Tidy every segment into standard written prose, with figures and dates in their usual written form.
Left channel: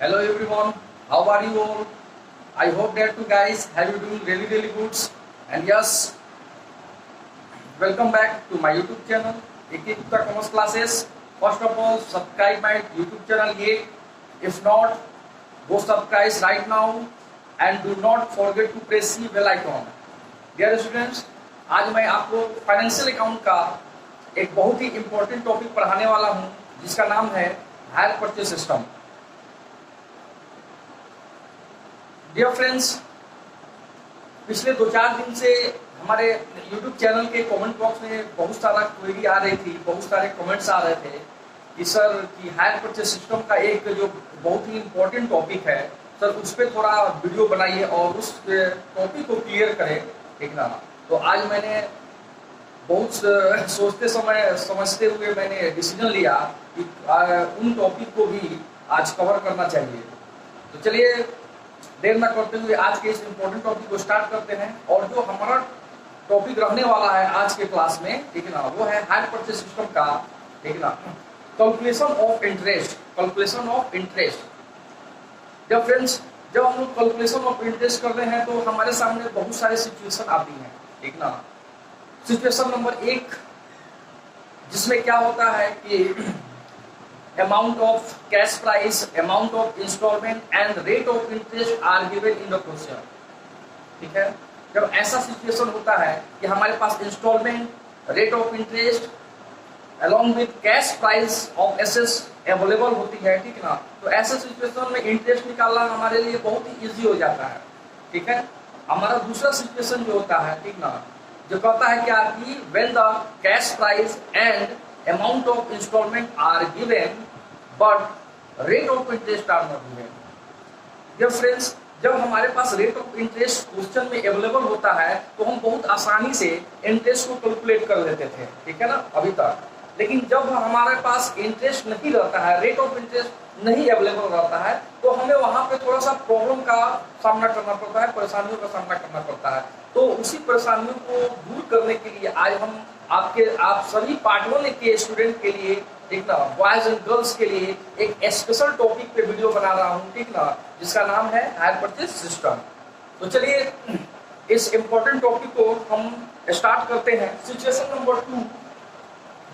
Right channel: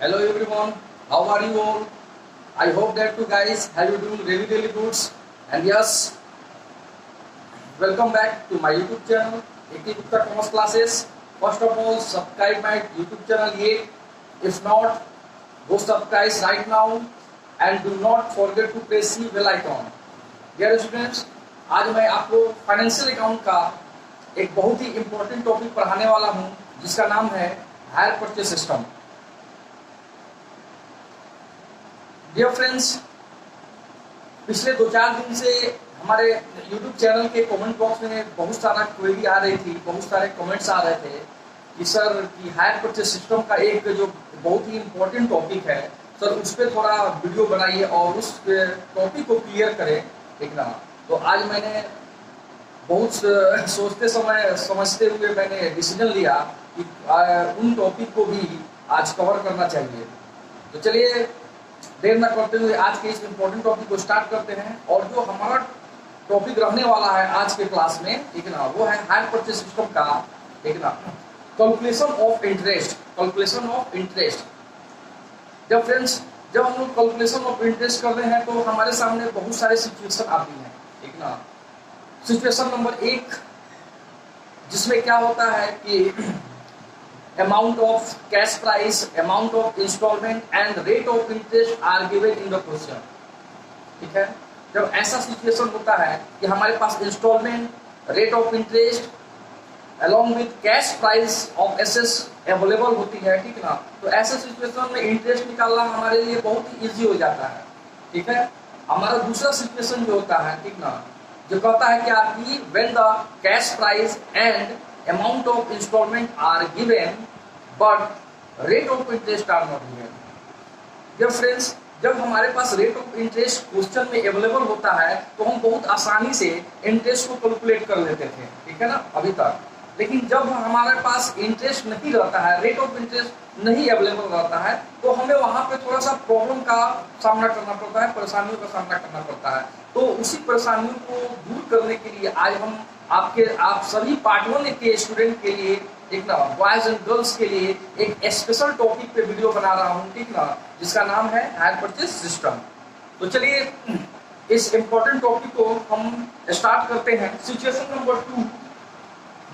Hello everyone, how are you all? I hope that you guys have you doing really good. And yes, welcome back to my YouTube channel, AK Gupta Commerce Classes. First of all, subscribe my YouTube channel yet. If not, go subscribe right now and do not forget to press the bell icon. Dear students, आज मैं आपको financial account का एक बहुत ही important topic पढ़ाने वाला हूँ जिसका नाम है hire purchase system. Dear friends, पिछले 2-4 दिन से हमारे YouTube चैनल के कमेंट बॉक्स में बहुत सारा क्वेरी आ रही थी, बहुत सारे कमेंट्स आ रहे थे कि सर कि हायर परचेज सिस्टम का एक जो बहुत ही इम्पोर्टेंट टॉपिक है सर उस पर थोड़ा वीडियो बनाइए और उस टॉपिक को क्लियर करें, ठीक ना। तो आज मैंने बहुत सोचते समय समझते हुए मैंने डिसीजन लिया कि उन टॉपिक को भी आज कवर करना चाहिए। तो चलिए देर न करते हुए आज के इस इम्पोर्टेंट टॉपिक को स्टार्ट करते हैं। और जो हमारा टॉपिक रहने वाला है आज के क्लास में, ठीक है ना, वो है हायर परचेज सिस्टम का, ठीक है ना, calculation of interest. Calculation of interest. जब फ्रेंड्स जब हम लोग कैलकुलेशन ऑफ इंटरेस्ट कर रहे हैं तो हमारे सामने बहुत सारे सिचुएशन आती हैं, ठीक ना। सिचुएशन नंबर 1 जिसमें क्या होता है कि amount of cash price, amount of installment and rate of interest are given in the question, ठीक है। जब ऐसा सिचुएशन होता है कि हमारे पास instalment, rate of interest along with cash price of assets available होती है, ठीक ना, तो ऐसे सिचुएशन में इंटरेस्ट निकालना हमारे लिए बहुत ही इजी हो जाता है, ठीक है। हमारा दूसरा सिचुएशन जो होता है, ठीक ना, जो कहता है क्या कि when the cash price and amount of installment are given but rate of interest are not given। Dear friends, जब हमारे पास रेट ऑफ इंटरेस्ट क्वेश्चन में अवेलेबल होता है तो हम बहुत आसानी से इंटरेस्ट को कैलकुलेट कर लेते थे, ठीक है ना, अभी तक। लेकिन जब हमारे पास इंटरेस्ट नहीं रहता है, रेट ऑफ इंटरेस्ट नहीं अवेलेबल रहता है, तो हमें वहां पे थोड़ा सा प्रॉब्लम का सामना करना पड़ता है, परेशानियों का सामना करना पड़ता है। तो उसी परेशानियों को दूर करने के लिए आज हम आप सभी पार्ट 1 के स्टूडेंट के लिए, ठीक ना, बॉयज एंड गर्ल्स के लिए एक स्पेशल टॉपिक पे वीडियो बना रहा हूँ, ठीक ना, जिसका नाम है हायर परचेज सिस्टम। तो चलिए इस इंपॉर्टेंट टॉपिक को हम स्टार्ट करते हैं। सिचुएशन नंबर 2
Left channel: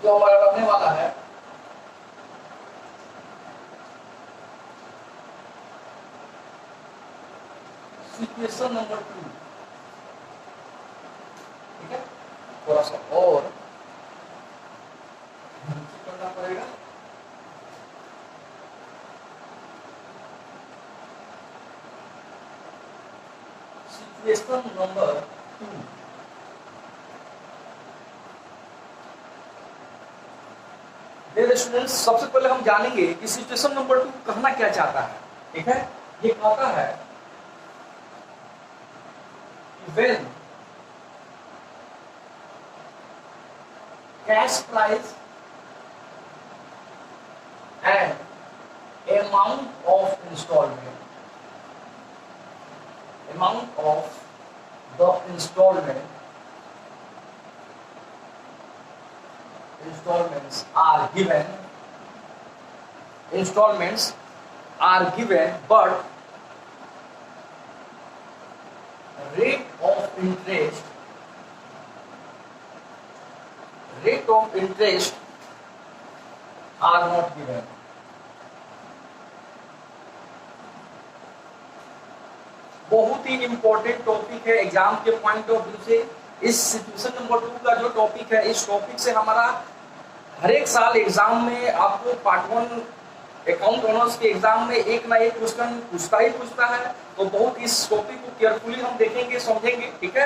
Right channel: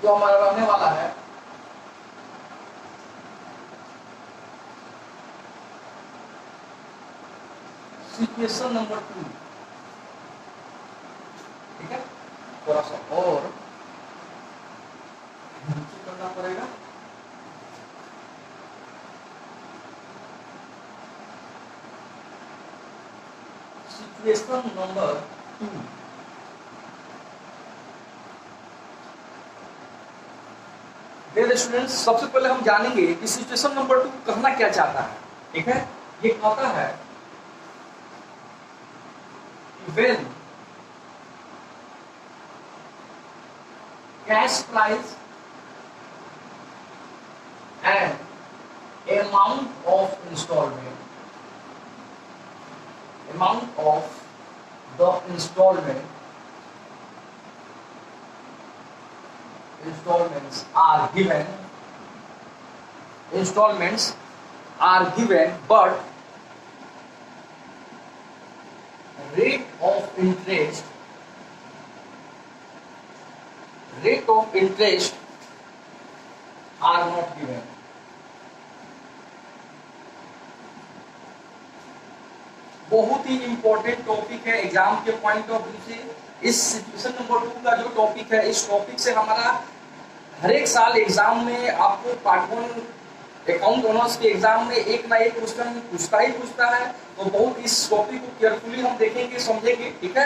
जो हमारा रहने वाला है, सिचुएशन नंबर 2, ठीक है, थोड़ा सा और करना पड़ेगा। सिचुएशन नंबर 2, स्टूडेंट्स, सबसे पहले हम जानेंगे कि सिचुएशन नंबर 2 कहना क्या चाहता है, ठीक है। ये कहता है when cash price and amount of installments are given but rate of interest are not given। बहुत ही इंपॉर्टेंट टॉपिक है एग्जाम के पॉइंट ऑफ व्यू से। इस सिचुएशन नंबर 2 का जो टॉपिक है, इस टॉपिक से हमारा हर एक साल एग्जाम में आपको पार्ट 1 अकाउंट ऑनर्स के एग्जाम में एक ना एक क्वेश्चन पूछता है। तो बहुत इस टॉपिक को केयरफुली हम देखेंगे, समझेंगे, ठीक है।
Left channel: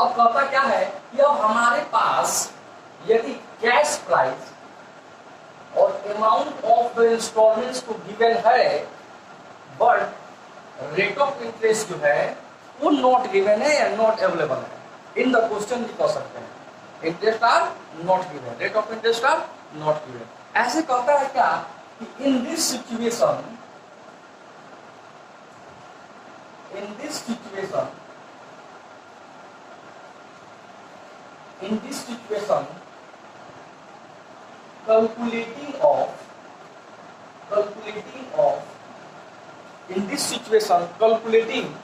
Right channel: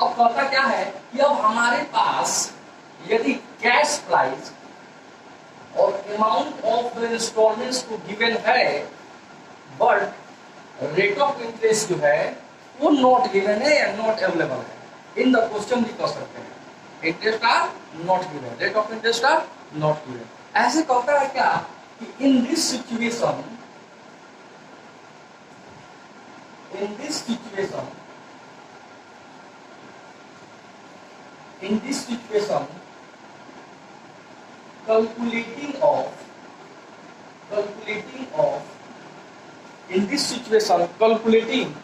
अब कहता क्या है कि अब हमारे पास यदि कैश प्राइस और अमाउंट ऑफ द इंस्टॉलमेंट्स को गिवन है बट रेट ऑफ इंटरेस्ट जो है वो नॉट गिवन है या नॉट अवेलेबल है। इन द क्वेश्चन भी कह सकते हैं interest are not given, rate of interest are not given. ऐसे कहता है क्या कि in this situation calculating of in this situation calculating,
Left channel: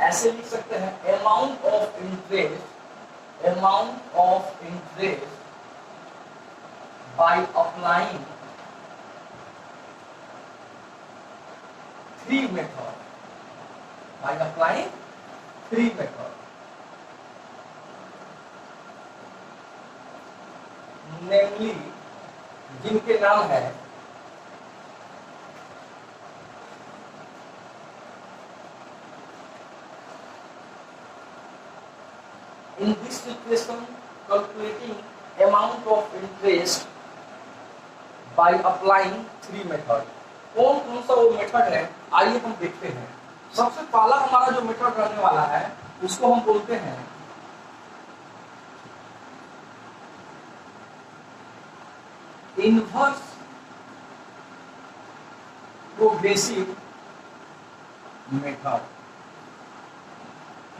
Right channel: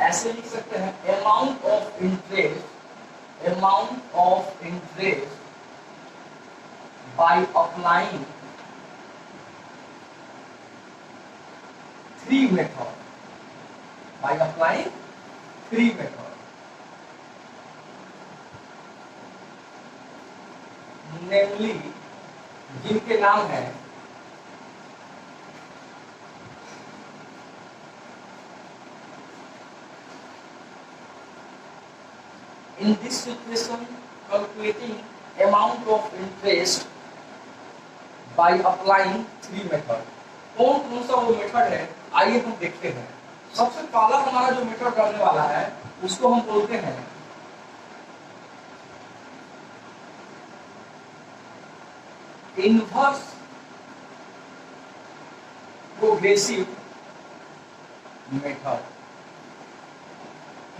ऐसे लिख सकते हैं amount of interest by applying three method, namely, जिनके नाम है in this situation calculating amount of interest by applying three method। कौन कौन सा वो मेथड है, आइए हम देखते हैं। सबसे पहला हमारा जो मेथड रहने वाला है उसको हम बोलते हैं inverse progressive method.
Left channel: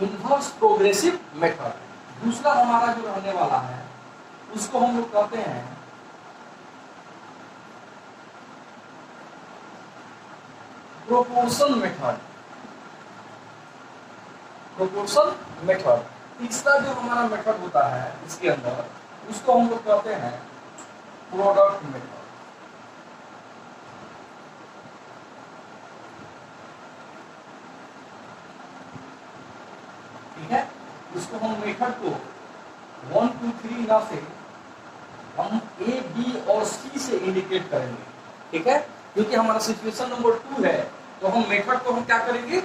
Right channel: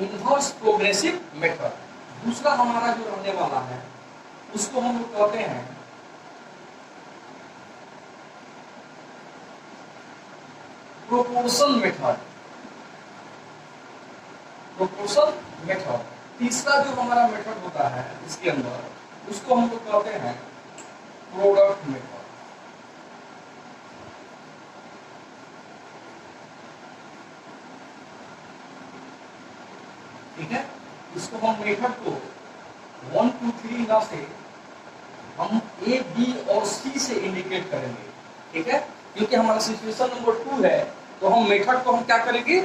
Inverse progressive method. दूसरा हमारा जो रहने वाला है उसको हम लोग कहते हैं प्रोपोर्शन मेथड। तीसरा जो हमारा मेथड होता है इसके अंदर उसको हम लोग कहते हैं प्रोडक्ट मेथड। ठीक है, इसको हम मेथड को 1 2 3 ना से हम ए बी और सी से इंडिकेट करेंगे। ठीक है, क्योंकि हमारा सिचुएशन नंबर 2 है तो हम मेथड को हम क्या करेंगे,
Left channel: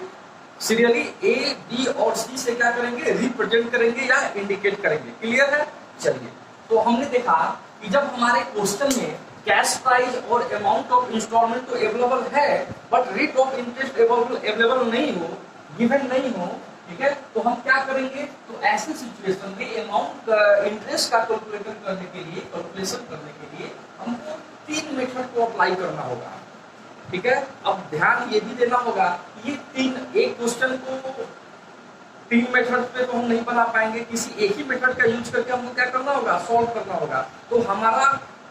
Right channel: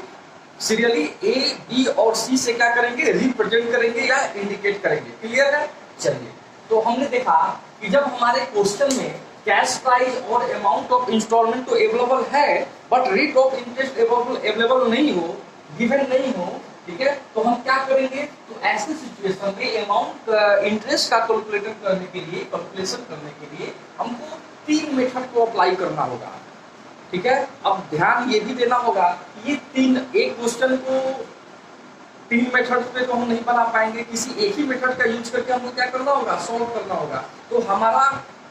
सीरियली ए बी और सी से क्या करेंगे, रिप्रेजेंट करेंगे या इंडिकेट करेंगे। क्लियर है? चलिए, तो हमने देखा कि जब हमारे क्वेश्चन में कैश प्राइस और अमाउंट ऑफ इंस्टॉलमेंट तो अवेलेबल है but rate of interest available नहीं हो, गिवन नहीं हो, ठीक है, तो हम क्या करेंगे, तो ऐसी सिचुएशन में अमाउंट इंटरेस्ट का कैलकुलेशन करने के लिए हमको 3 मेथड को अप्लाई करना होगा। ठीक है, अब ध्यान ये भी देना होगा कि ये 3 एक क्वेश्चन को 3 मेथड पे तो हम नहीं बना पाएंगे, किसी एक ही मेथड का यूज करके हमको क्या करना होगा, सॉल्व करना होगा। तो हमारा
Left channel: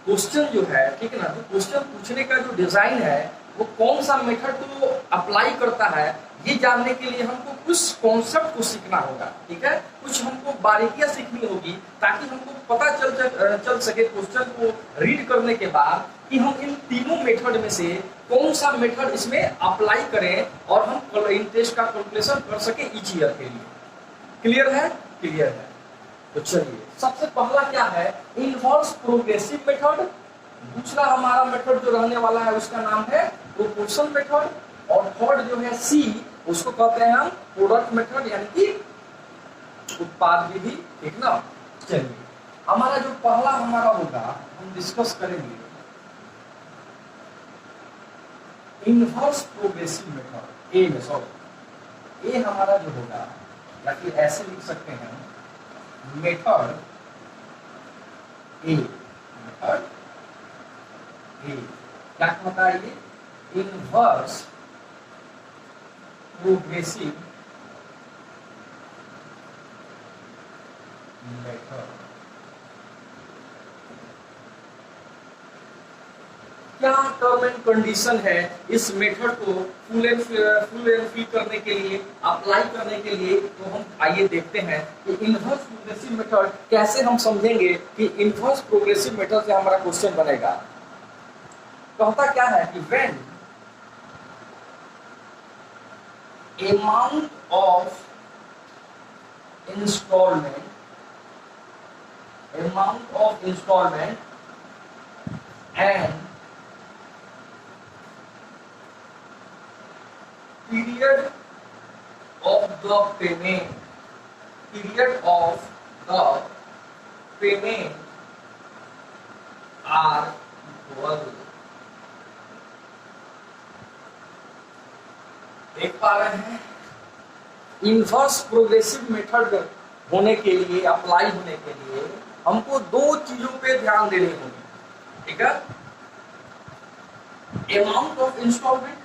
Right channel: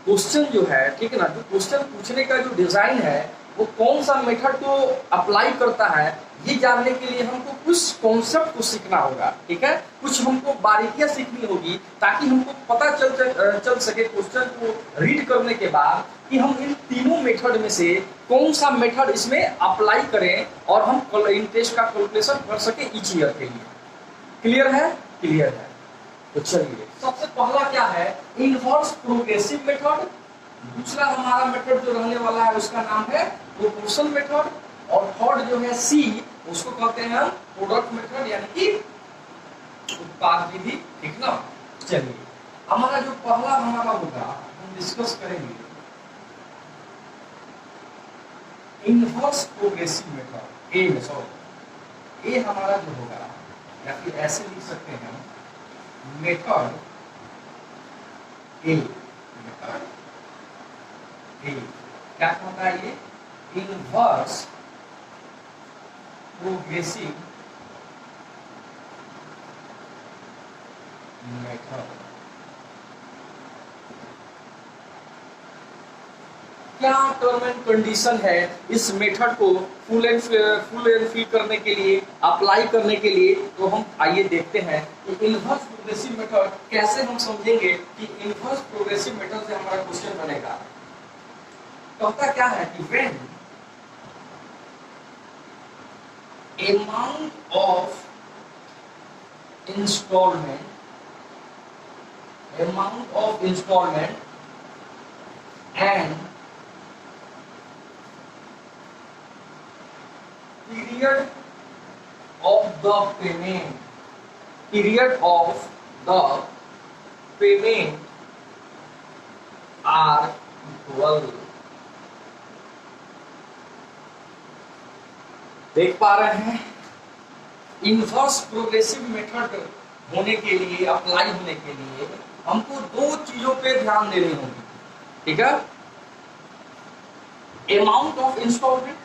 क्वेश्चन जो है, ठीक है ना, जो क्वेश्चन पूछने का जो डिजाइन है वो कौन सा मेथड को अप्लाई करता है, ये जानने के लिए हमको कुछ कॉन्सेप्ट को सीखना होगा। ठीक है, कुछ हमको बारीकियां सीखनी होगी ताकि हमको पता चल सके क्वेश्चन को रीड करने के बाद कि हम इन तीनों मेथड में से कौन सा मेथड इसमें अप्लाई करें और हम इंटरेस्ट का कैलकुलेशन कर सके ईच ईयर के लिए। क्लियर है? क्लियर है। तो चलिए, सबसे पहला क्या है, इनवर्स प्रोग्रेसिव मेथड। दूसरा हमारा मेथड जो रहने वाला है उसका नाम है प्रोपोर्शन मेथड, और थर्ड जो है सी, उसको कहते हैं हम प्रोडक्ट मेथड, यानी कि उत्पाद विधि। ठीक ना? चलिए, हमारा जो पहला हमारा होगा हम डिस्कस करेंगे इनवर्स प्रोग्रेसिव मेथड। ए हमारा जो होगा, या फिर ऐसे लिख सकते हैं मेथड ए। क्या कहता है ये, इनवर्स प्रोग्रेसिव मेथड। क्या टर्म एंड कंडीशन है इस मेथड को फुल एंड फिल करने के लिए, अप्लाई करने के लिए, तो हम आइए देखते हैं कि इनवर्स प्रोग्रेसिव मेथड कैसे हम समझेंगे कि इनवर्स प्रोग्रेसिव मेथड से हमारा क्वेश्चन बनेगा। कहता क्या है कि when amount of installment and period of the payment are equal। देख पा रहे हैं, इनवर्स प्रोग्रेसिव मेथड होने के लिए, अप्लाई होने के लिए हमको 2 चीजों पे ध्यान देनी होगी। ठीक है, amount of instalment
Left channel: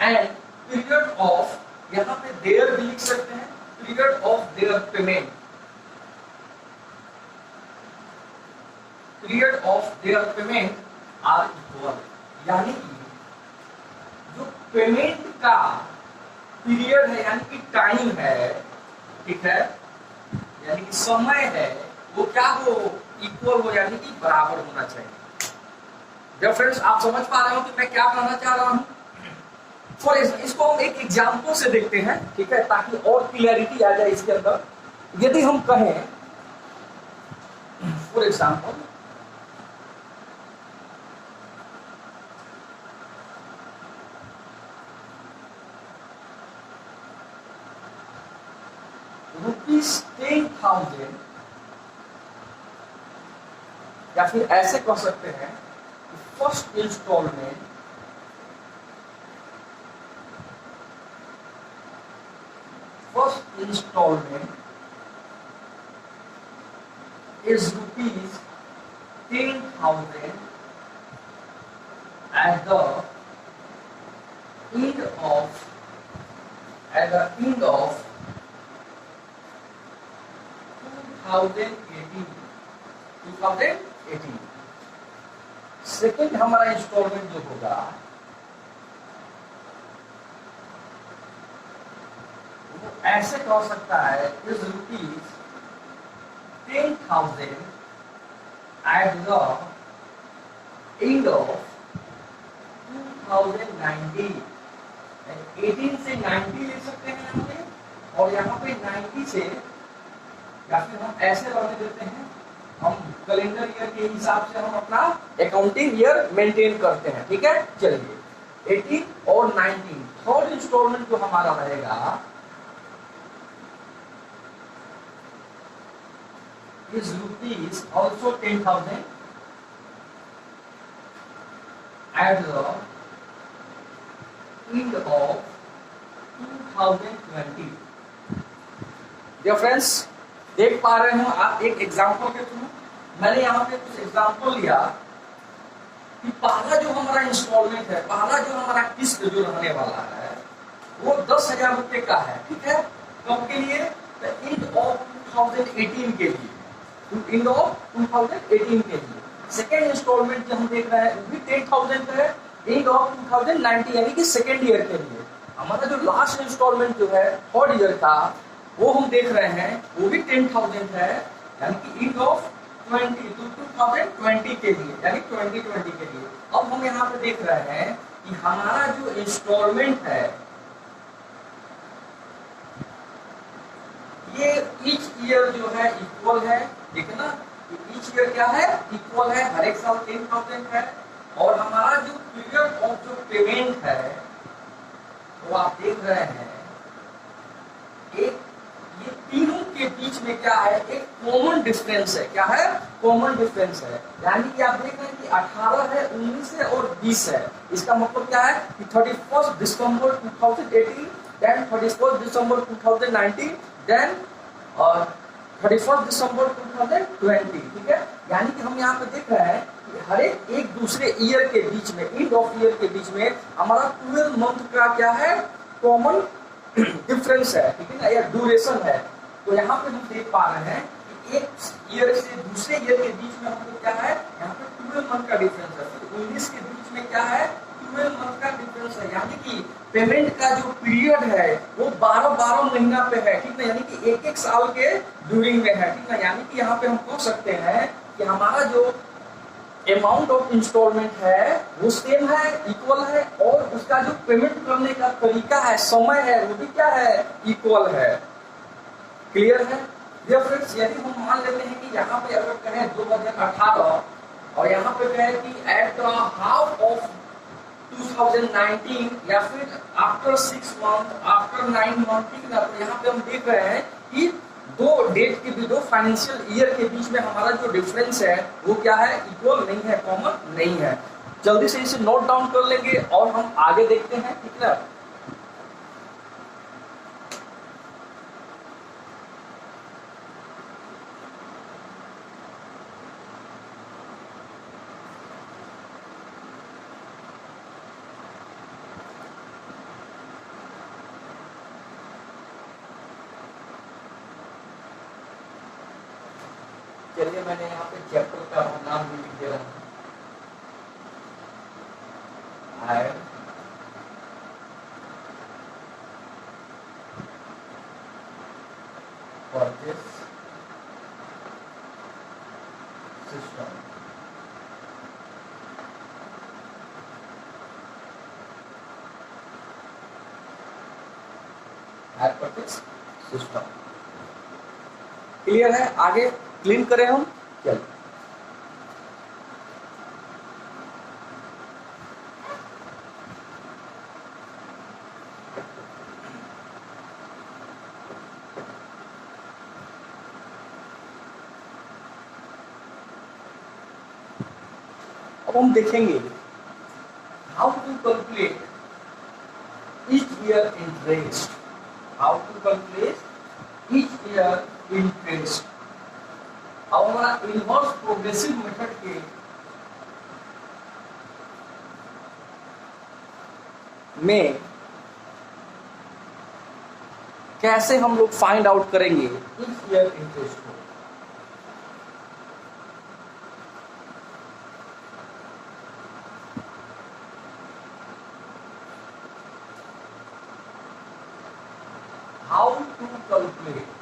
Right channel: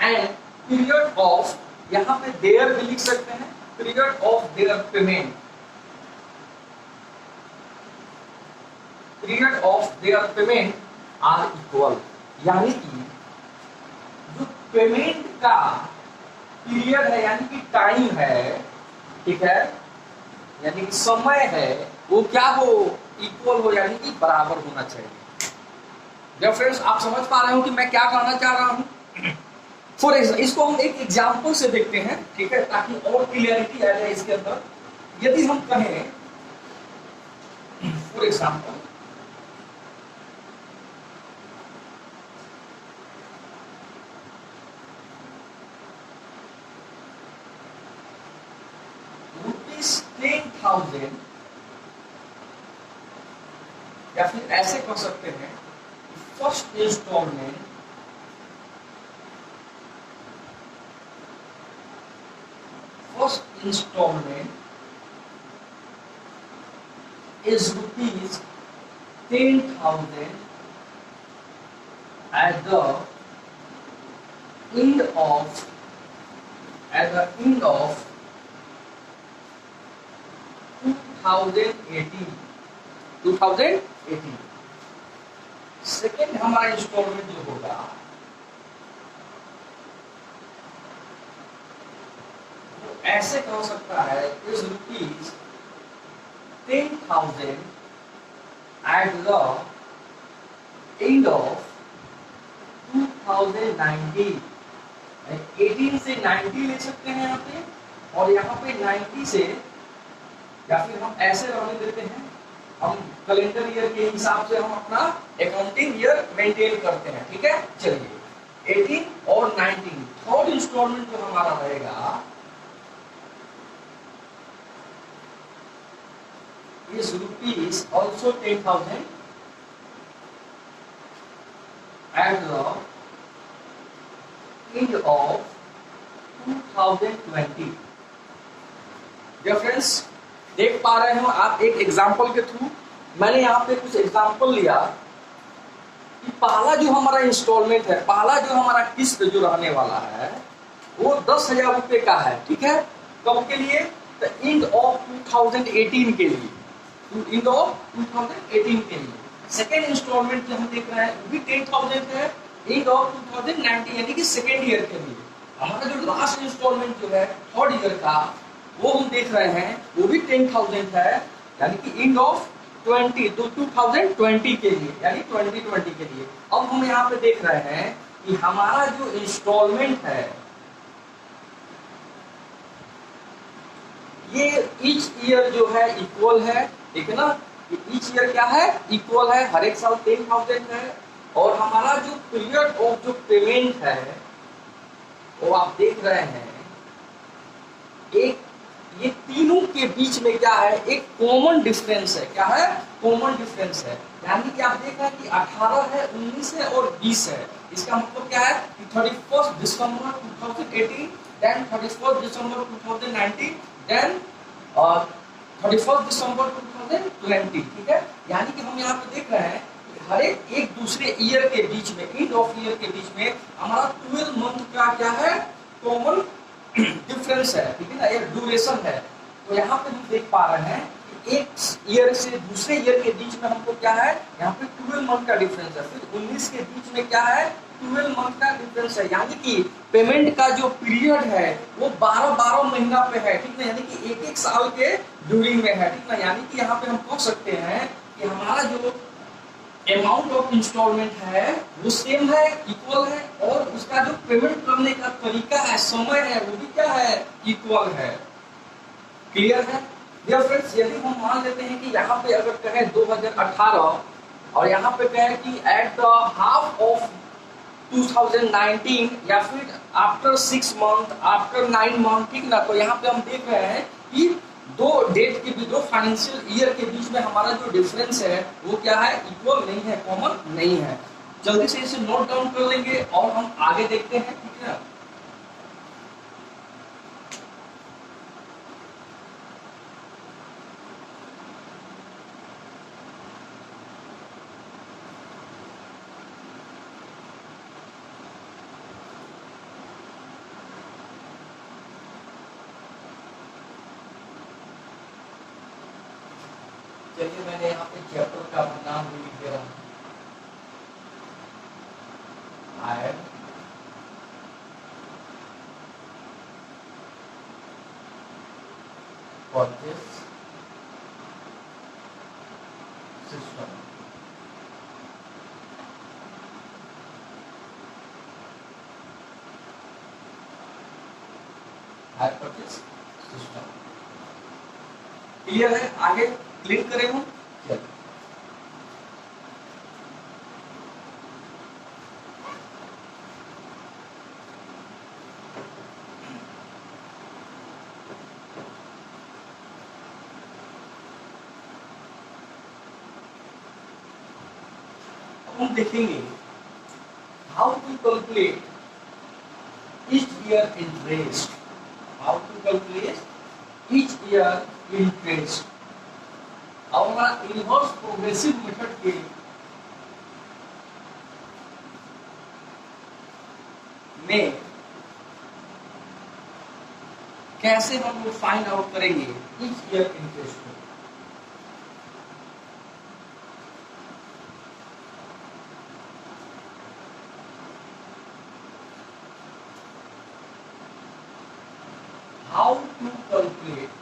and period of, यहां पे देयर भी लिख सकते हैं, period of their payment, are equal. यानी कि पेमेंट का पीरियड है यानी कि टाइम है, ठीक है, यानी कि समय है, वो क्या हो, इक्वल हो यानी कि बराबर होना चाहिए। जब फ्रेंड्स आप समझ पा रहे हो कि मैं क्या कहना चाह रहा हूं। फॉर इसको हम एक एग्जाम्पल से देखते हैं, ठीक है, ताकि और क्लियरिटी आ जाए इसके अंदर। यदि हम कहें फॉर एग्जाम्पल ₹10,000, या फिर ऐसे कह सकते हैं first instalment is ₹10,000 at the end of 2018। Second हमारा इंस्टॉलमेंट जो होगा वो ऐसे कह सकता है is ₹10,000 at the end of 2019। 18 से 90 ले सकते हैं यहाँ पे, और यहाँ पे 90 से, या फिर हम ऐसे रहने देते हैं, हम कैलेंडर ईयर के हिसाब से हम अपना अकाउंटिंग ईयर मेंटेन करते हैं, ठीक है। चलिए 18 और 19, थर्ड इंस्टॉलमेंट जो हमारा रहेगा is rupees also 10,000 at the end of 2020। Dear friends, देख पा रहे हो आप एक एग्जांपल के थ्रू, मैंने यहाँ पे कुछ एग्जांपल लिया कि पहला जो हमारा इंस्टॉलमेंट है, पहला जो हमारा किस्त जो रहने वाला है वो 10,000 रुपए का है, ठीक है। कब के लिए, द एंड ऑफ 2018 के लिए, एंड ऑफ 2018 के लिए। सेकेंड इंस्टॉलमेंट जो हम देख रहे हैं वो भी 10,000 है, एंड ऑफ 2019 यानी कि सेकेंड ईयर के लिए। हमारा जो लास्ट इंस्टॉलमेंट जो है थर्ड ईयर का, वो हम देख रहे हैं वो भी 10,000 है, यानी कि एंड ऑफ 2020 के लिए, यानी 2020 के लिए। अब हम यहाँ पे देख रहे हैं कि हमारा जो इंस्टॉलमेंट है ये ईच ईयर जो है इक्वल है, ठीक है ना। ईच ईयर क्या है, इक्वल है, हर एक साल 10,000 है। और हमारा जो पीरियड ऑफ जो पेमेंट है वो आप देख रहे हैं, एक ये तीनों के बीच में क्या है, एक कॉमन डिफरेंस है। क्या है, कॉमन डिफरेंस है, यानी कि आप देख रहे हैं कि 18 है, 19 है और 20 है। इसका मतलब क्या है कि 31 दिसंबर 2018, देन 31 दिसंबर 2019, देन 31 दिसंबर 2020, ठीक है। यानी कि हम यहाँ पे देख रहे हैं कि हर एक दूसरे ईयर के बीच में, एंड ऑफ ईयर के बीच में हमारा 12 मंथ का क्या है, कॉमन डिफरेंस है, ठीक है ना, या ड्यूरेशन है। तो यहाँ पे हम देख पा रहे हैं कि एक ईयर से दूसरे ईयर के बीच में हमको क्या है, यहाँ पे 12 मंथ का डिफरेंस है। फिर 19 के बीच में क्या है, 12 मंथ का डिफरेंस है, यानी कि पेमेंट का जो पीरियड है वो 12 महीना पे है, ठीक ना, यानी कि एक साल के ड्यूरिंग में है, ठीक ना। यानी कि यहाँ पे हम कह सकते हैं कि हमारा जो अमाउंट ऑफ इंस्टॉलमेंट है वो सेम है, इक्वल है, और उसका जो पेमेंट करने का तरीका है, समय है, वो भी क्या है, इक्वल है। क्लियर है डियर फ्रेंड्स। यदि हम मान लेते हैं कि यहाँ पे अगर कहें 2018 और यहाँ पे कहें कि एट द हाफ ऑफ 2019 या फिर आफ्टर 6 मंथ, आफ्टर 9 मंथ, ठीक ना। तो यहाँ पे हम देख रहे हैं कि दो डेट के भी, दो फाइनेंशियल ईयर के बीच में हमारा जो डिफरेंस है वो क्या है, इक्वल नहीं है, कॉमन नहीं है। जल्दी से इसे नोट डाउन कर लेंगे और हम आगे देखते हैं, ठीक है। चलिए मैंने यहाँ पे चैप्टर का नाम भी लिख दे रहा हूँ, purchase system. Hire purchase system. Clear है? आगे क्लीन करें हम। चलिए, अब हम देखेंगे how to calculate each year interest, how to calculate each year interest। अब हमारा इनवर्स प्रोग्रेसिव मेथड के में कैसे हम लोग फाइंड आउट करेंगे each year interest को। How to calculate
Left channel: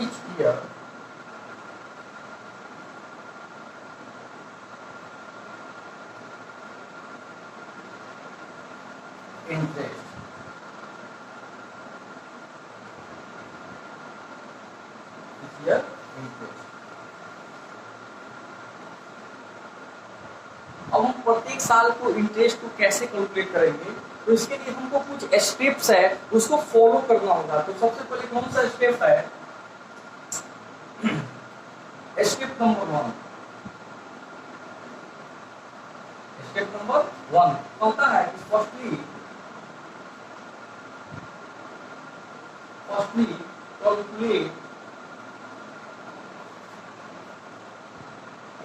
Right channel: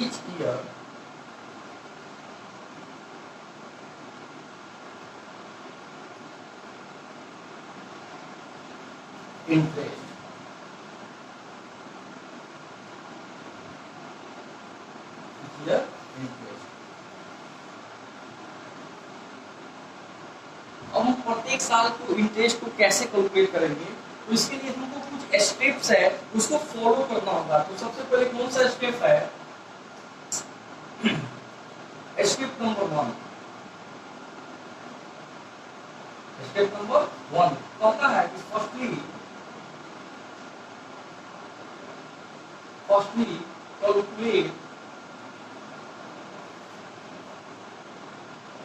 each year interest। each year interest। अब हम प्रत्येक साल को इंटरेस्ट को कैसे कैलकुलेट करेंगे, तो इसके लिए हमको कुछ स्टेप्स है उसको फॉलो करना होगा। तो सबसे पहले कौन सा स्टेप है? Step number 1। स्टेप नंबर 1 होता है कि firstly calculate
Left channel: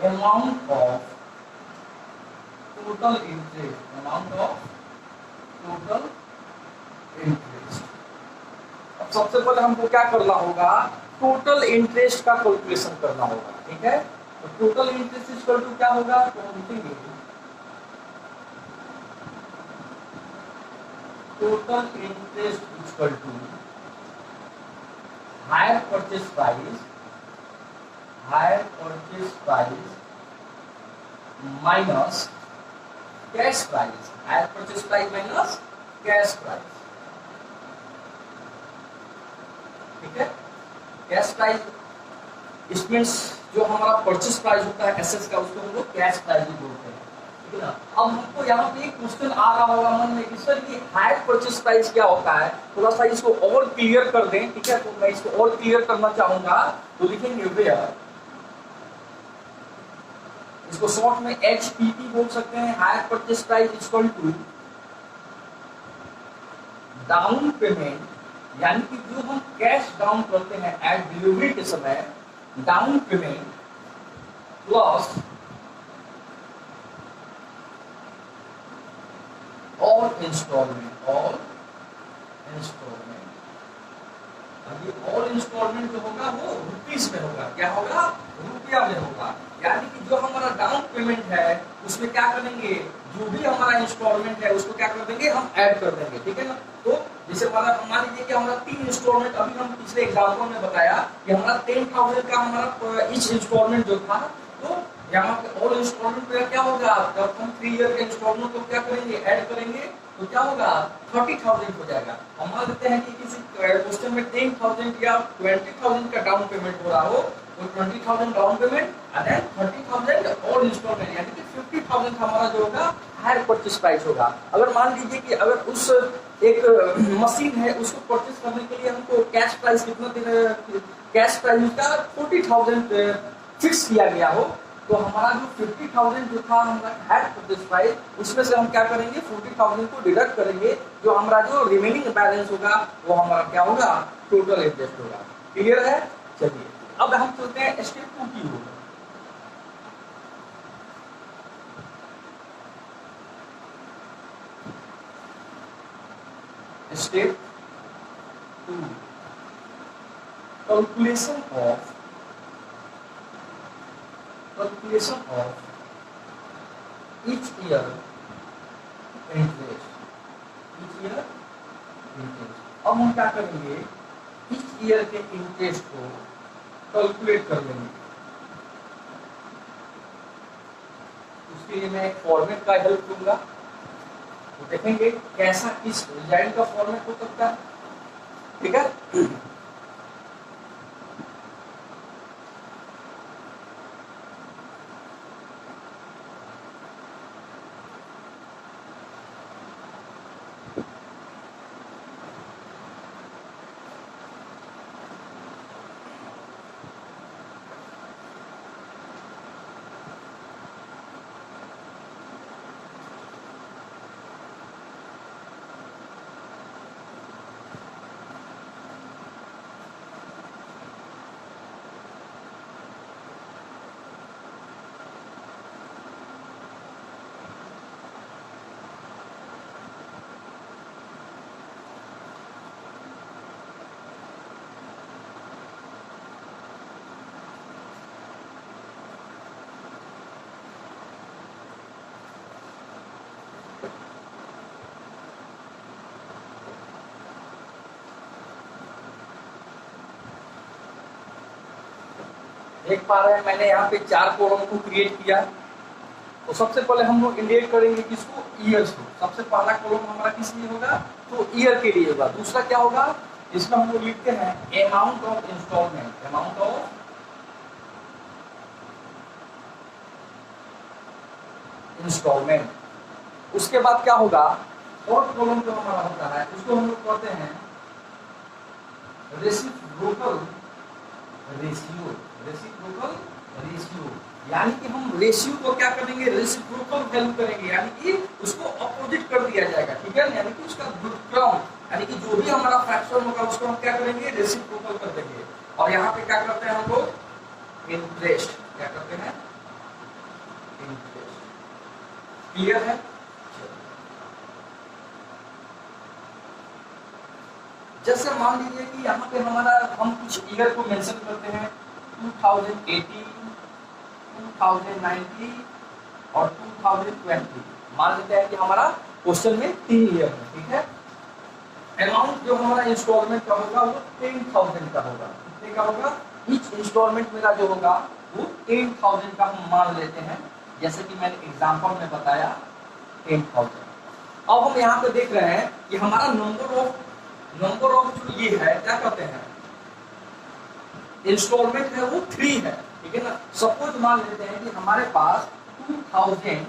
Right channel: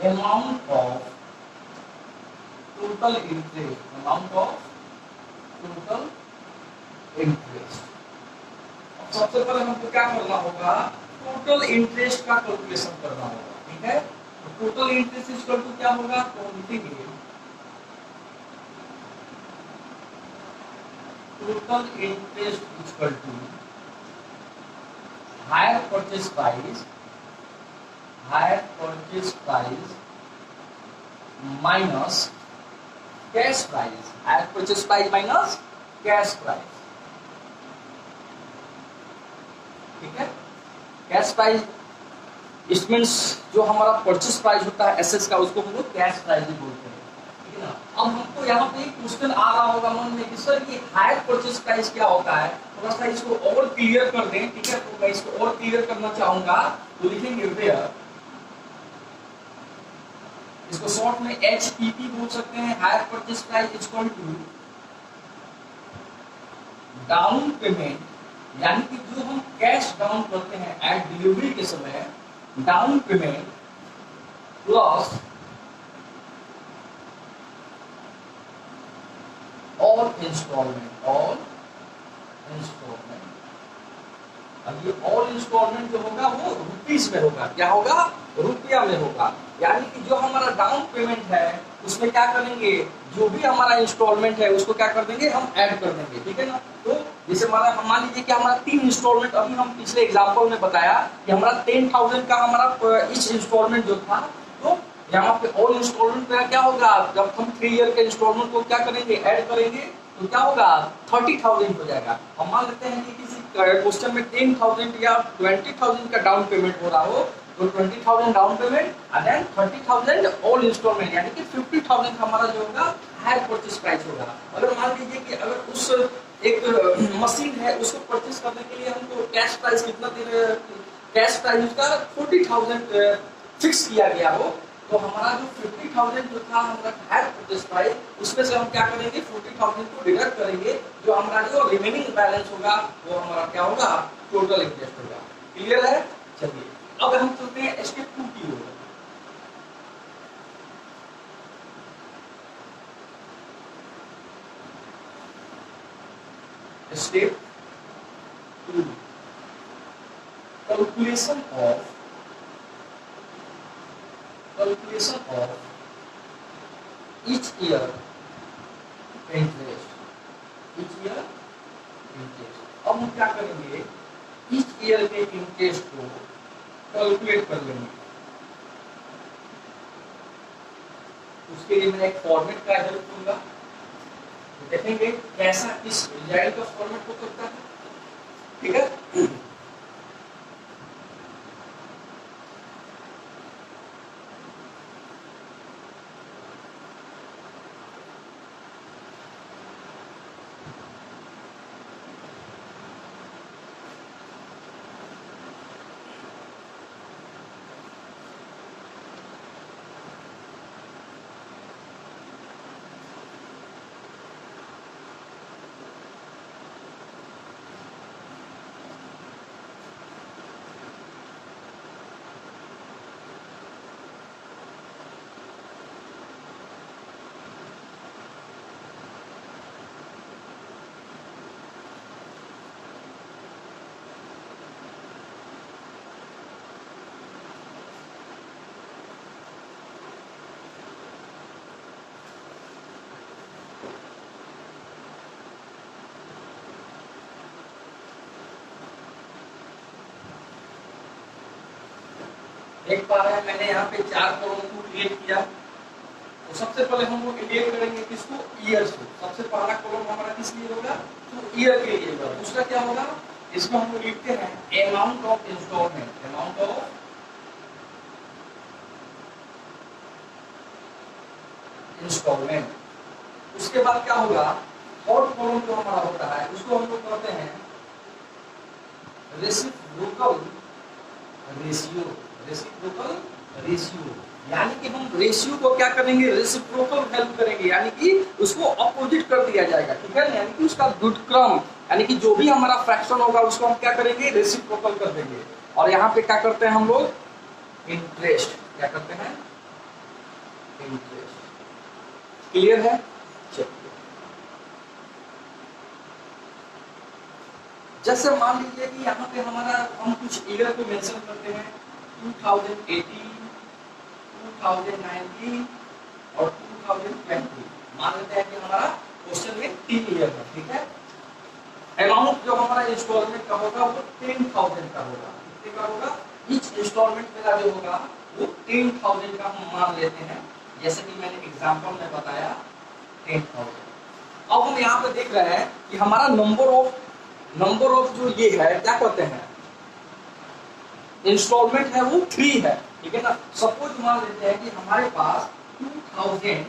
amount of total interest. Amount of total interest. अब सबसे पहले हमको क्या करना होगा? टोटल इंटरेस्ट का कैलकुलेशन करना होगा। ठीक है, तो टोटल इंटरेस्ट इक्वल टू क्या होगा? तो हम लिखेंगे total interest equal to hire purchase price minus cash price. Hire purchase price minus cash price. ठीक है, कैश प्राइस इट मीन्स जो हमारा परचेस प्राइस होता है एसेट्स का, उसको हम लोग कैश प्राइस ही बोलते हैं। ठीक है ना। अब हमको यहाँ पे एक क्वेश्चन आ रहा होगा मन में कि सर ये हायर परचेस प्राइस क्या होता है, थोड़ा सा इसको और क्लियर कर दें। ठीक है, तो मैं इसको और क्लियर करना चाहूंगा, तो लिखेंगे वेयर, इसको शॉर्ट में HPP बोल सकते हैं। Hire purchase price equal to down payment, यानी कि जो हम कैश डाउन करते हैं एट डिलीवरी के समय, down payment plus all instalment. अब ये ऑल इंस्टॉलमेंट जो होगा वो रुपीस में होगा। क्या होगा? रुपया में होगा। यानी कि जो हमारा डाउन पेमेंट है उसमें क्या करेंगे, जो भी हमारा इंस्टॉलमेंट है उसको क्या कर देंगे, हम ऐड कर देंगे। ठीक है ना। तो जैसे हमारा मान लीजिए कि हमारा 3 इंस्टॉलमेंट, अभी हम पिछले एग्जाम्पल में बताया कि हमारा 10,000 का हमारा इच इंस्टॉलमेंट जो था, तो यहाँ पे ऑल इंस्टॉलमेंट का क्या होगा, जब हम 3 ईयर के इंस्टॉलमेंट को क्या करेंगे, ऐड करेंगे, तो क्या होगा, 30,000 हो जाएगा। हम मान लेते हैं कि किसी क्वेश्चन में 10,000 या 20,000 का डाउन पेमेंट हो रहा हो, तो 20,000 down payment and then 30,000 all instalment, यानी कि 50,000 हमारा जो होगा हायर परचेस प्राइस होगा। अगर मान लीजिए कि अगर उस एक मशीन है उसको परचेस करने के लिए हमको कैश प्राइस कितना देना, कैश प्राइस का 40,000 फिक्स किया गया हो, तो हमारा जो 50,000 जो था हमारा हायर परचेस प्राइस, उसमें से हम क्या करेंगे, 40,000 को डिडक्ट करेंगे, जो हमारा जो रिमेनिंग बैलेंस होगा वो हमारा क्या होगा, टोटल इंटरेस्ट होगा। क्लियर है? चलिए अब हम चलते हैं स्टेप 2 की ओर। Step 2, calculation of each year interest। Each year interest. अब हम क्या करेंगे, ईच ईयर के इंटरेस्ट को कैलकुलेट कर लेंगे। उसके लिए मैं एक फॉर्मेट का हेल्प लूंगा, तो देखेंगे कैसा इस रिजल्ट का फॉर्मेट हो सकता है। ठीक है, देख पा रहे हैं मैंने यहाँ पे 4 कॉलम को क्रिएट किया। तो सबसे पहले हम लोग इंडिकेट करेंगे किसको, ईयर्स को। सबसे पहला कॉलम हमारा किस लिए होगा, तो ईयर के लिए होगा। दूसरा क्या होगा, इसमें हम लोग लिखते हैं amount of instalment, amount of instalment. उसके बाद क्या होगा, फोर्थ कॉलम जो हमारा होता है उसको हम लोग कहते हैं रेसिप्रोकल रेशियो, रेसिप्रोकल रेशियो। यानी कि हम रेशियो को क्या करेंगे, रेसिप्रोकल वैल्यू करेंगे, यानी कि उसको अपोजिट कर दिया जाएगा। ठीक है, यानी कि उसका व्युत्क्रम, यानी कि जो भी हमारा फ्रैक्शन होगा उसको हम क्या करेंगे, रेसिप्रोकल कर देंगे। और यहाँ पे क्या करते हैं हम लोग, इंटरेस्ट, क्या करते हैं, इंटरेस्ट। क्लियर है, चलिए। जैसे मान लीजिए कि यहाँ पे हमारा हम कुछ ईयर को मेंशन करते हैं, 2018, 2019 और 2020। मान लेते हैं कि हमारा क्वेश्चन में 3 ईयर है। ठीक है, अमाउंट जो हमारा इंस्टॉलमेंट का होगा वो 10,000 का होगा। कितने का होगा, ईच इंस्टॉलमेंट मेरा जो होगा वो 10,000 का हम मान लेते हैं, जैसे कि मैंने एग्जांपल में बताया 10,000। अब हम यहाँ पे देख रहे हैं कि हमारा नंबर ऑफ जो ये है क्या कहते हैं, इंस्टॉलमेंट है वो 3 है। ठीक है ना, सपोज मान लेते हैं कि हमारे पास 2021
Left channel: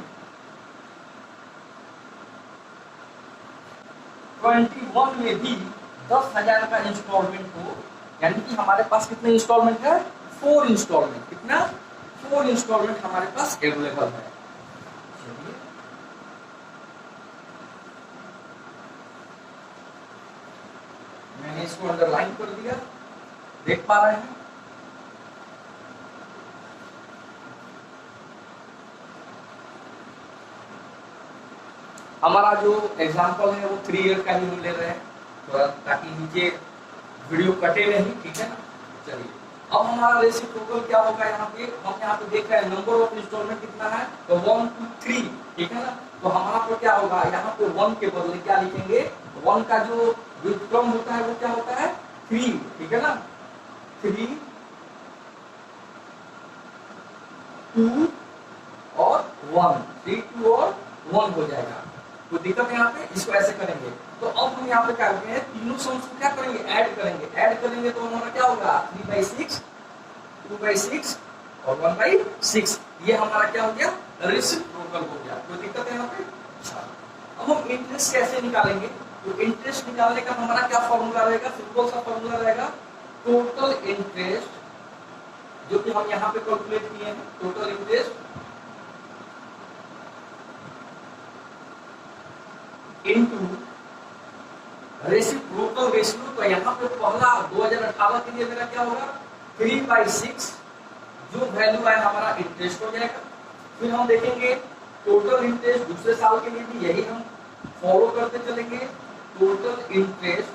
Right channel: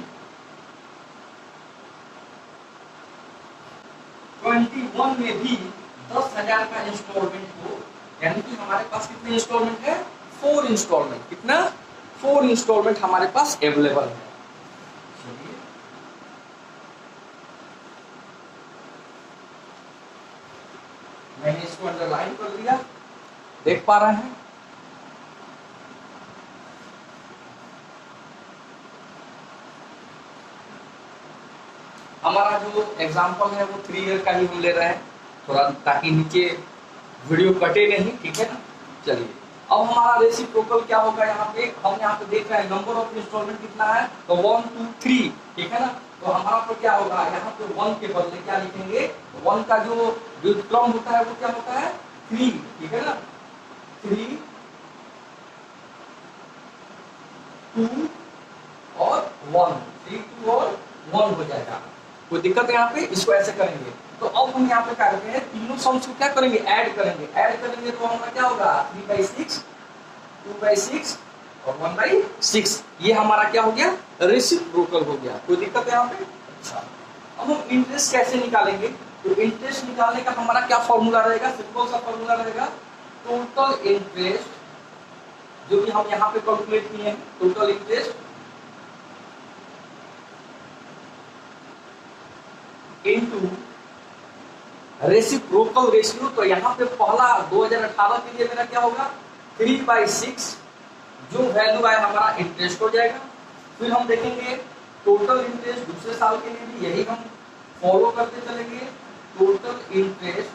में भी 10,000 का इंस्टॉलमेंट हो, यानी कि हमारे पास कितने इंस्टॉलमेंट है, 4 इंस्टॉलमेंट। कितना, 4 इंस्टॉलमेंट हमारे पास अवेलेबल है। चलिए, मैंने इसको अंडरलाइन कर दिया, देख पा रहे हैं। हमारा जो एग्जाम्पल है वो 3 ईयर का ही हम ले रहे हैं, थोड़ा ताकि नीचे वीडियो कटे नहीं। ठीक है ना, चलिए। अब हमारा रेसिप्रोकल क्या होगा, यहाँ पे हम यहाँ पे देख रहे हैं नंबर ऑफ इंस्टॉलमेंट कितना है, तो 1 2 3। ठीक है ना, तो हमारा पर क्या होगा, यहाँ पे 1 के बदले क्या लिखेंगे, 1 का जो व्युत्क्रम होता है वो क्या होता है, 3। ठीक है ना, 3 2 और 1, 3 2 और 1 हो जाएगा। कोई दिक्कत है यहाँ पे, इसको ऐसे करेंगे। तो अब हम यहाँ पे क्या करते हैं, तीनों सम्स को क्या करेंगे, ऐड करेंगे। ऐड करेंगे तो हमारा क्या होगा, 3/6, 2/6 और 1/6। ये हमारा क्या हो गया, रेसिप्रोकल हो गया। कोई दिक्कत है यहाँ पे, अच्छा। अब हम इंटरेस्ट कैसे निकालेंगे, तो इंटरेस्ट निकालने का हमारा क्या फॉर्मूला रहेगा, सिंपल सा फॉर्मूला रहेगा, टोटल इंटरेस्ट जो कि हम यहाँ पे कैलकुलेट किए हैं, total interest into reciprocal ratio. तो यहाँ पे पहला 2018 के लिए मेरा क्या होगा, 3/6, जो वैल्यू आए हमारा इंटरेस्ट हो जाएगा। फिर हम देखेंगे टोटल इंटरेस्ट दूसरे साल के लिए भी यही हम फॉलो करते चलेंगे, टोटल इंटरेस्ट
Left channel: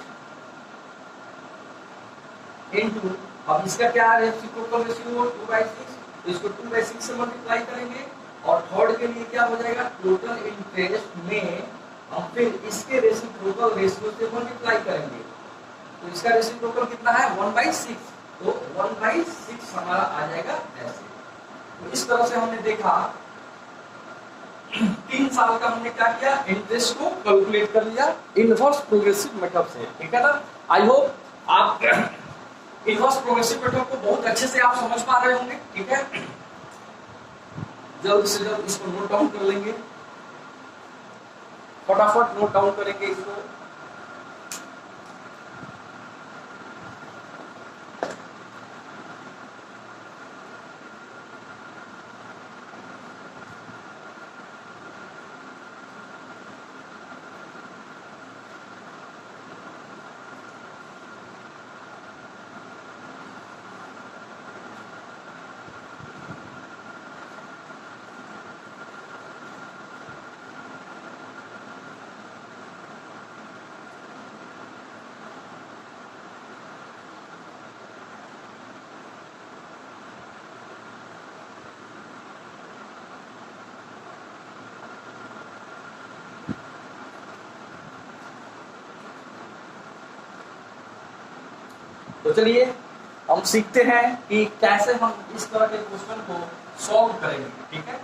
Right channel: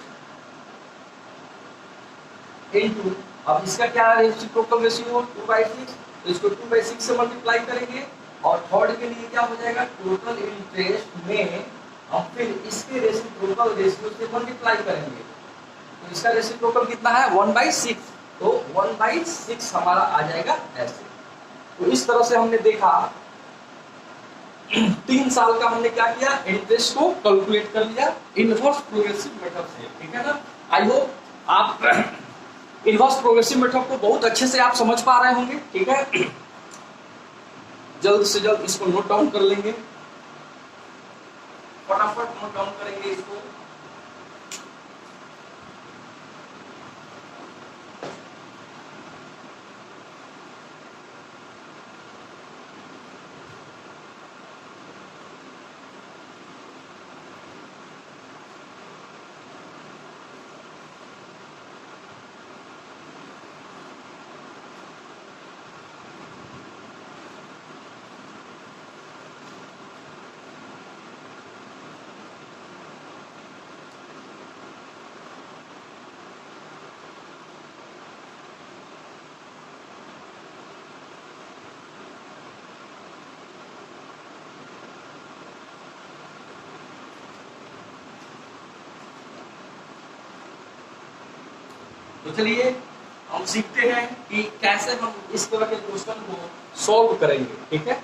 इनटू, अब इसका क्या रेसिप्रोकल रेशियो 2/6, तो इसको 2/6 से मल्टीप्लाई करेंगे। और थर्ड के लिए क्या हो जाएगा, टोटल इंटरेस्ट में हम फिर इसके रेसिप्रोकल रेशियो से मल्टीप्लाई करेंगे, तो इसका रेसिप्रोकल कितना है 1/6, तो 1/6 हमारा आ जाएगा ऐसे। तो इस तरह से हमने देखा 3 साल का हमने क्या किया, इंटरेस्ट को कैलकुलेट कर लिया इनवर्स प्रोग्रेसिव मेथड से, ठीक है ना। आई होप आप इनवर्स प्रोग्रेसिव मेथड को बहुत अच्छे से आप समझ पा रहे होंगे, ठीक है। जल्द से जल्द इसको नोट डाउन कर लेंगे, फटाफट नोट डाउन करेंगे इसको। तो चलिए हम सीखते हैं कि कैसे हम इस तरह के क्वेश्चन को सॉल्व करेंगे, ठीक है।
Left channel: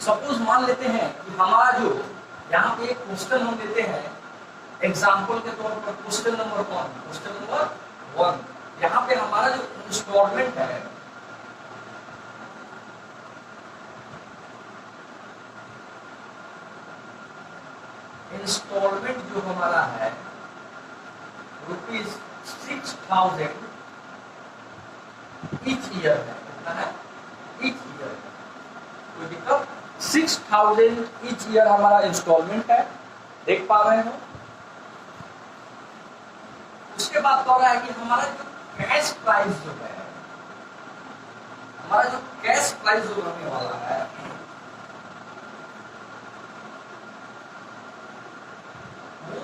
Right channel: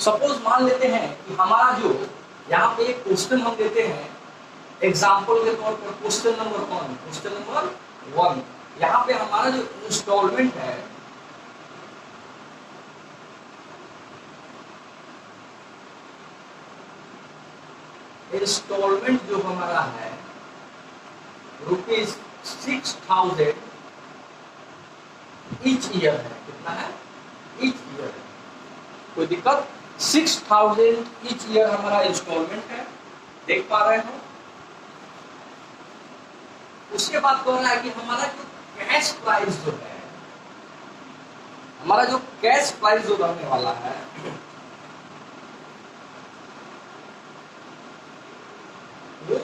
सपोज मान लेते हैं कि हमारा जो यहाँ पे एक क्वेश्चन हम लेते हैं एग्जाम्पल के तौर पर, क्वेश्चन नंबर 1, यहाँ पे हमारा जो इंस्टॉलमेंट है इंस्टॉलमेंट जो हमारा है ₹6,000 ईच ईयर है, कितना है ईच ईयर, कोई दिक्कत, 6,000 ईच ईयर हमारा इंस्टॉलमेंट है, देख पा रहे हो। उसके बाद कह रहा है कि हमारा जो कैश प्राइस जो है, हमारा जो कैश प्राइस जो रहने वाला है वो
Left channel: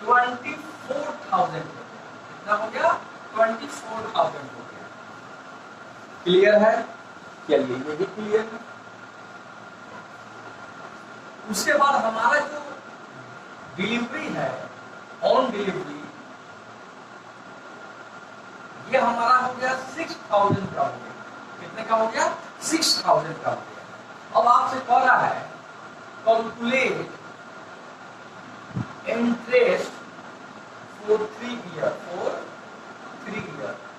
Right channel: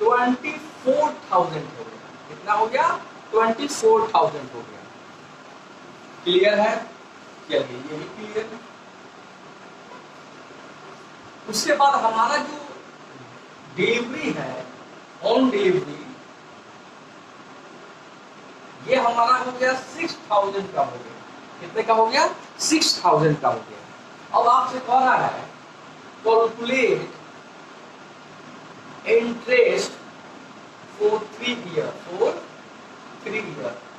24,000 हो गया, कितना हो गया 24,000 हो गया। क्लियर है, चलिए ये भी क्लियर है। उसके बाद हमारा जो डिलीवरी है, ऑन डिलीवरी, ये हमारा हो गया 6,000 का हो गया, कितने का हो गया 6,000 का हो गया। अब आपसे कह रहा है कैलकुलेट इंटरेस्ट फॉर 3 ईयर,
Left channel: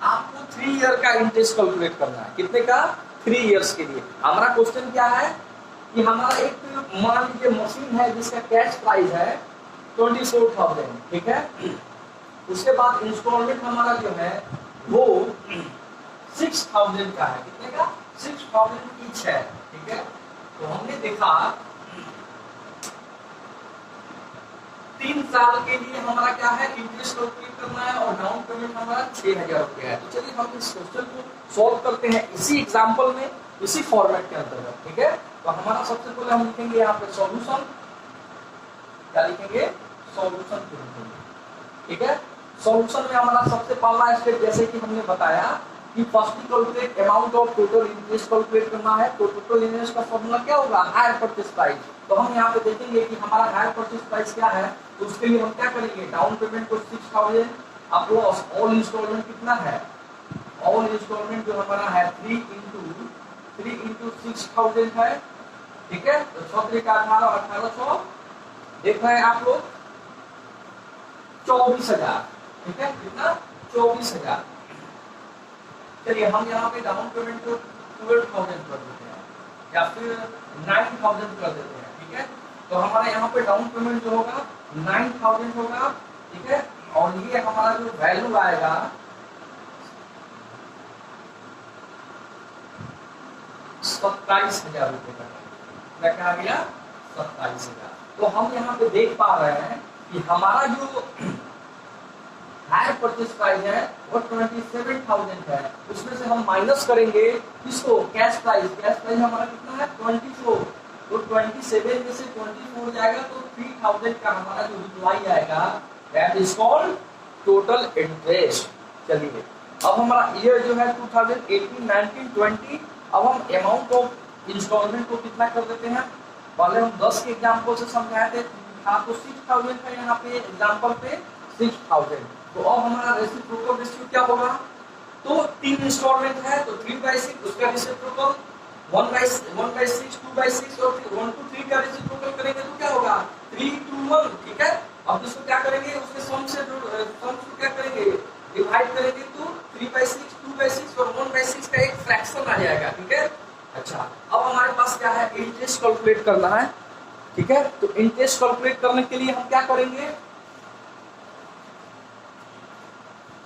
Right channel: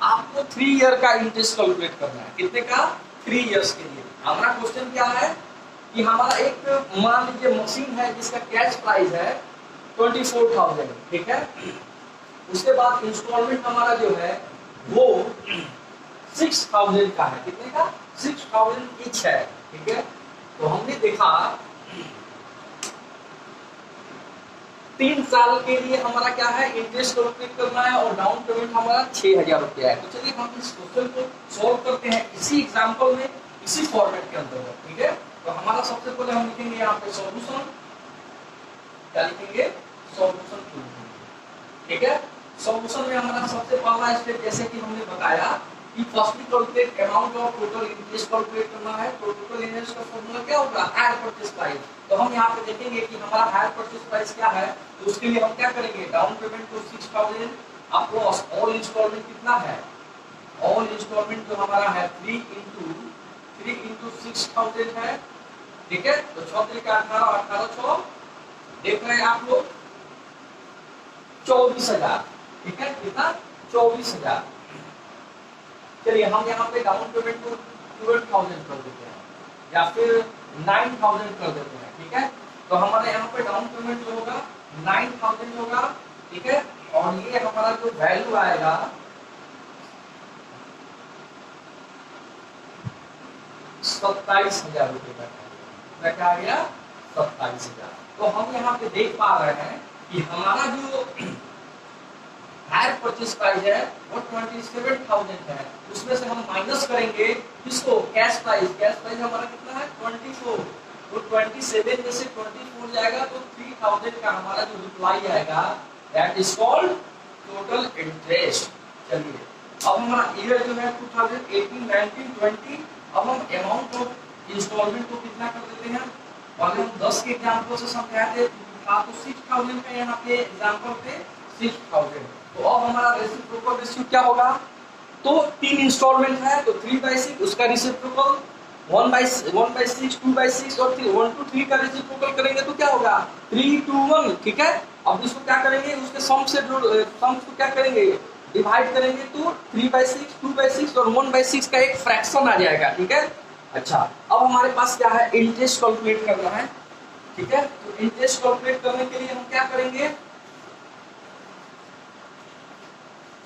आपको 3 ईयर का इंटरेस्ट कैलकुलेट करना है, कितने का 3 इयर्स के लिए। हमारा क्वेश्चन क्या है कि हमारा एक मान लीजिए मशीन है जिसका कैश प्राइस है 24,000, ठीक है। उसके बाद इंस्टॉलमेंट हमारा जो है वो 6,000 का है, कितने का 6,000 ईच है, ठीक है। तो हमने देखा 3 साल के लिए हमारा क्या है इंटरेस्ट कैलकुलेट करना है और डाउन पेमेंट हमारा 6,000 रुपया है। तो चलिए हम इस क्वेश्चन को सॉल्व करते हैं इसी एग्जांपल में, इसी फॉर्मेट के अंतर्गत, ठीक है। तो हमारा सबसे पहले हम लिखेंगे यहाँ पे सॉल्यूशन, क्या लिखेंगे सॉल्यूशन, ठीक है। सॉल्यूशन में हमारा सबसे पहला स्टेप, जैसे कि हमने बताया कि firstly calculate amount of total interest calculate करना है। तो टोटल इंटरेस्ट का फॉर्मूला क्या होगा हायर परचेज प्राइस। तो हम यहाँ पे देखेंगे कि हमारा हायर परचेज प्राइस क्या है, तो उसके लिए हम क्या करेंगे डाउन पेमेंट को 6,000 प्लस ऑल इंस्टॉलमेंट कितना है, ऑल इंस्टॉलमेंट जो हमारा है 3 इंटू 6,000 है, ठीक है। तो 6 का 18 देख रहे हैं आप लोग 24,000, ठीक है, कितना 24,000। चलिए हम यहाँ पे डाउन पेमेंट को 12,000 कर देते हैं या फिर 9,000 कर देते हैं, ठीक है। तो हमारे यहाँ पे डाउन पेमेंट जो होगा 9,000 होगा, ठीक है। और ये हमारा जो वैल्यू आएगा 27,000 रुपए का, क्या आ गया 27,000। तो हम यहाँ पे देख पा रहे हैं कि हमारा जो हायर परचेज प्राइस है वो 27,000 है, उसमें से हम माइनस करेंगे किसको कैश प्राइस हमारा कितना है 24, तो 27 में से 24 जाएगा तो 3,000 का हमारा जो रिप्लाई आएगा that is called total interest. चलिए अब हमारा ईयर जो है 2018, 19, 20, अब हम अमाउंट ऑफ इंस्टॉलमेंट को कितना कर देते हैं पहले हम 10 के एग्जाम्पल से समझाए थे था, तो 6000 का यहाँ पे एग्जाम्पल पे 6000। तो अब हमारा रेसिप्रोकल रेशियो क्या होगा, तो 3 इंस्टॉलमेंट है तो 3/6, उसका रेसिप्रोकल 1/6, 2/6 और 1 to 3 का रेसिप्रोकल करेंगे तो क्या होगा 3 to 1। ठीक है, अब इसको क्या करेंगे, उसके सम से सम को क्या करेंगे, डिवाइड करेंगे तो 3/6, 2/6 और 1/6 का एक फ्रैक्शन आ जाएगा। ठीक है, अच्छा अब हमारे पास क्या है, इंटरेस्ट कैलकुलेट करना है। ठीक है, तो इंटरेस्ट कैलकुलेट करने के लिए हम क्या करेंगे,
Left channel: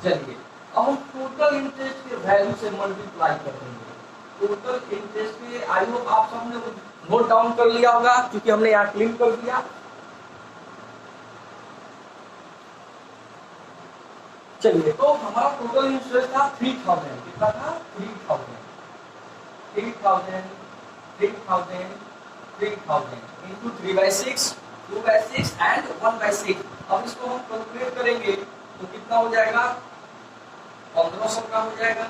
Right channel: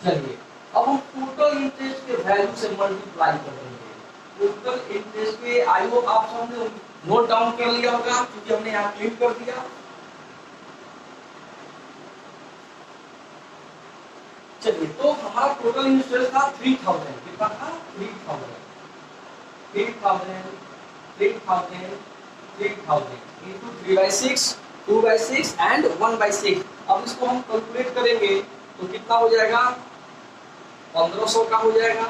चलिए अब हम टोटल इंटरेस्ट के वैल्यू से मल्टीप्लाई कर देंगे। टोटल इंटरेस्ट के, आई होप आप सबने नोट डाउन कर लिया होगा क्योंकि हमने यहाँ क्लियर कर दिया। चलिए, तो हमारा टोटल इंटरेस्ट था 3000, कितना था 3000 into 3/6, 2/6 and 1/6। अब इसको हम कैलकुलेट करेंगे तो कितना हो जाएगा, 1500 का हो जाएगा,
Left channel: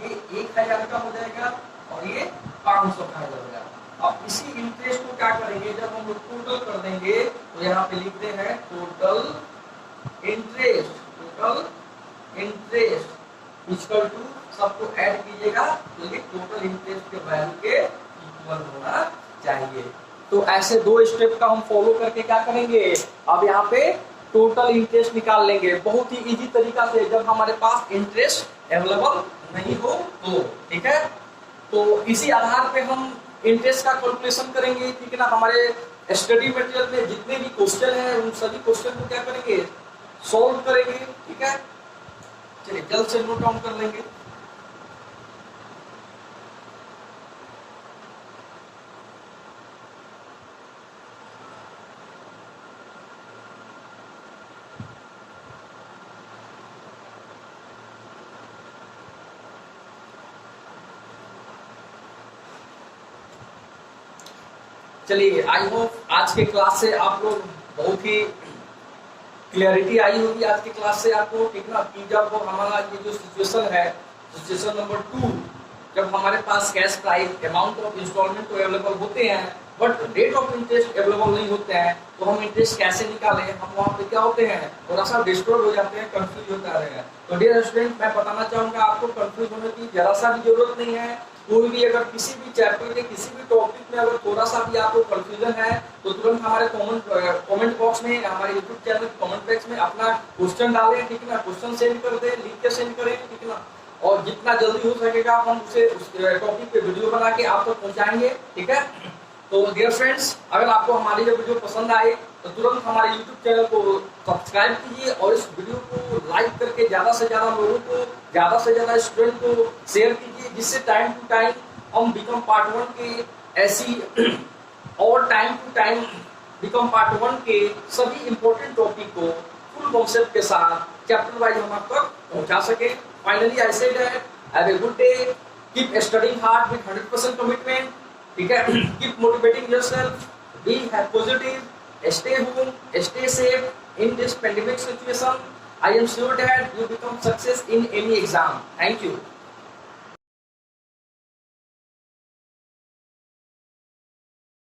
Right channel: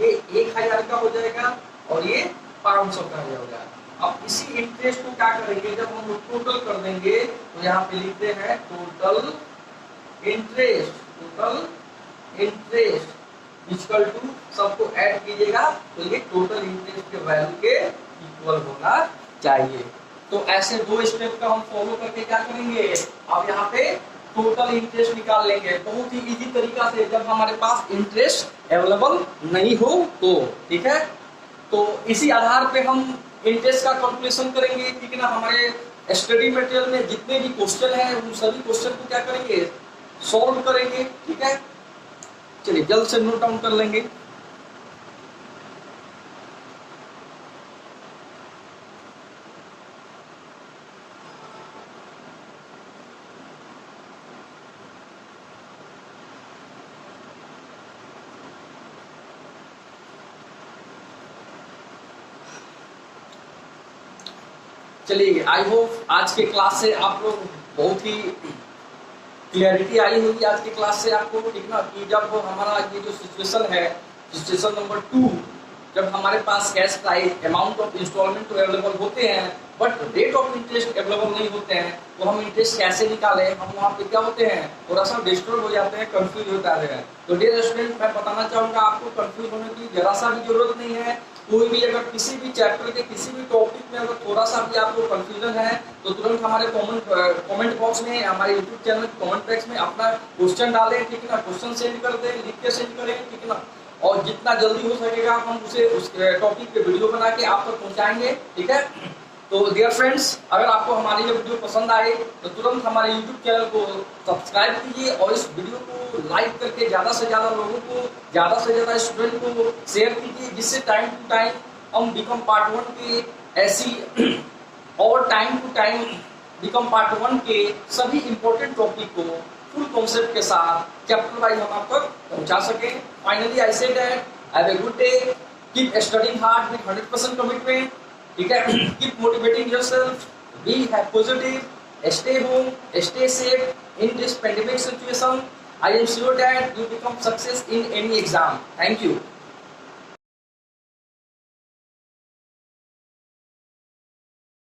ये 1000 का हो जाएगा और ये 500 का हो जाएगा। अब इसी इंटरेस्ट को क्या करेंगे, जब हम लोग टोटल कर देंगे तो यहाँ पे लिखते हैं टोटल इंटरेस्ट इक्वल टू, सबको ऐड कीजिएगा तो ये टोटल इंटरेस्ट के वैल्यू के इक्वल होना चाहिए। तो ऐसे 2 स्टेप का हम फॉलो करके क्या करेंगे, अब यहाँ पे टोटल इंटरेस्ट निकाल लेंगे बहुत ही इजी तरीका से, जब हमारे पास इंटरेस्ट अवेलेबल नहीं हो तो। ठीक है, तो इसी आधार पे हम इंटरेस्ट का कैलकुलेशन करेंगे। ठीक है ना, हमारे स्टडी मटेरियल में जितने भी क्वेश्चन है उन सभी क्वेश्चन को क्या करेंगे, सॉल्व करेंगे। ठीक है, चलिए जल्द से नोट डाउन कर लेंगे। चलिए, आई होप आज के क्लास से आप लोग बहुत ही क्लियरिटी आई होगी आज की क्लास से आपको। ठीक ना, कि जब वो हमारा ये जो सिचुएशन है, सिचुएशन नंबर 2, जब हमारे पास cash price amount of instalment तो अवेलेबल होते हैं but rate of interest available नहीं होते हैं, तो हम इंटरेस्ट कैसे निकालें, हम वहाँ पे क्या होते हैं, थोड़ा सा डिस्टर्ब हो जाते हैं, कंफ्यूज होता है। तो डियर स्टूडेंट, मैं बताना चाहूँगा आपको कंफ्यूज होने की जरा सा भी जरूरत नहीं है। कोई भी अगर किसी भी चैप्टर के किसी भी टॉपिक में अगर थोड़ा सा भी आपको कंफ्यूजन है तो तुरंत हमारे कमेंट बॉक्स में, हमारे यूट्यूब चैनल कमेंट बॉक्स में अपना क्वेश्चन डालें। ठीक है ना, क्वेश्चन सेंड कर दें, लिख के सेंड करें। ठीक है ना, और जितना जल्दी हो सकेगा हम उस टॉपिक पे वीडियो बना के आप तक पहुंचाएंगे। ठीक है, तो डियर फ्रेंड्स, अगर आपको हमारी ये वीडियो पसंद आए तो तुरंत हमारे यूट्यूब चैनल को सब्सक्राइब कीजिए और इस वीडियो को लाइक करके ज़्यादा से ज़्यादा लोगों को, ज़्यादा से ज़्यादा स्टूडेंट को शेयर कीजिए, जिससे टाइम टू टाइम हम बिकम पार्ट 1 के ऐसी और time to time become part 1 के सभी इंपॉर्टेंट टॉपिक को फुल कॉन्सेप्ट के साथ चैप्टर वाइज हम आप तक पहुँचा सकें। Finally I said that have a good day, keep studying hard with 100% commitment. ठीक है, keep motivating yourself, be have positive, stay home, stay safe in this pandemic situation. I am sure that you become success in any exam. Thank you.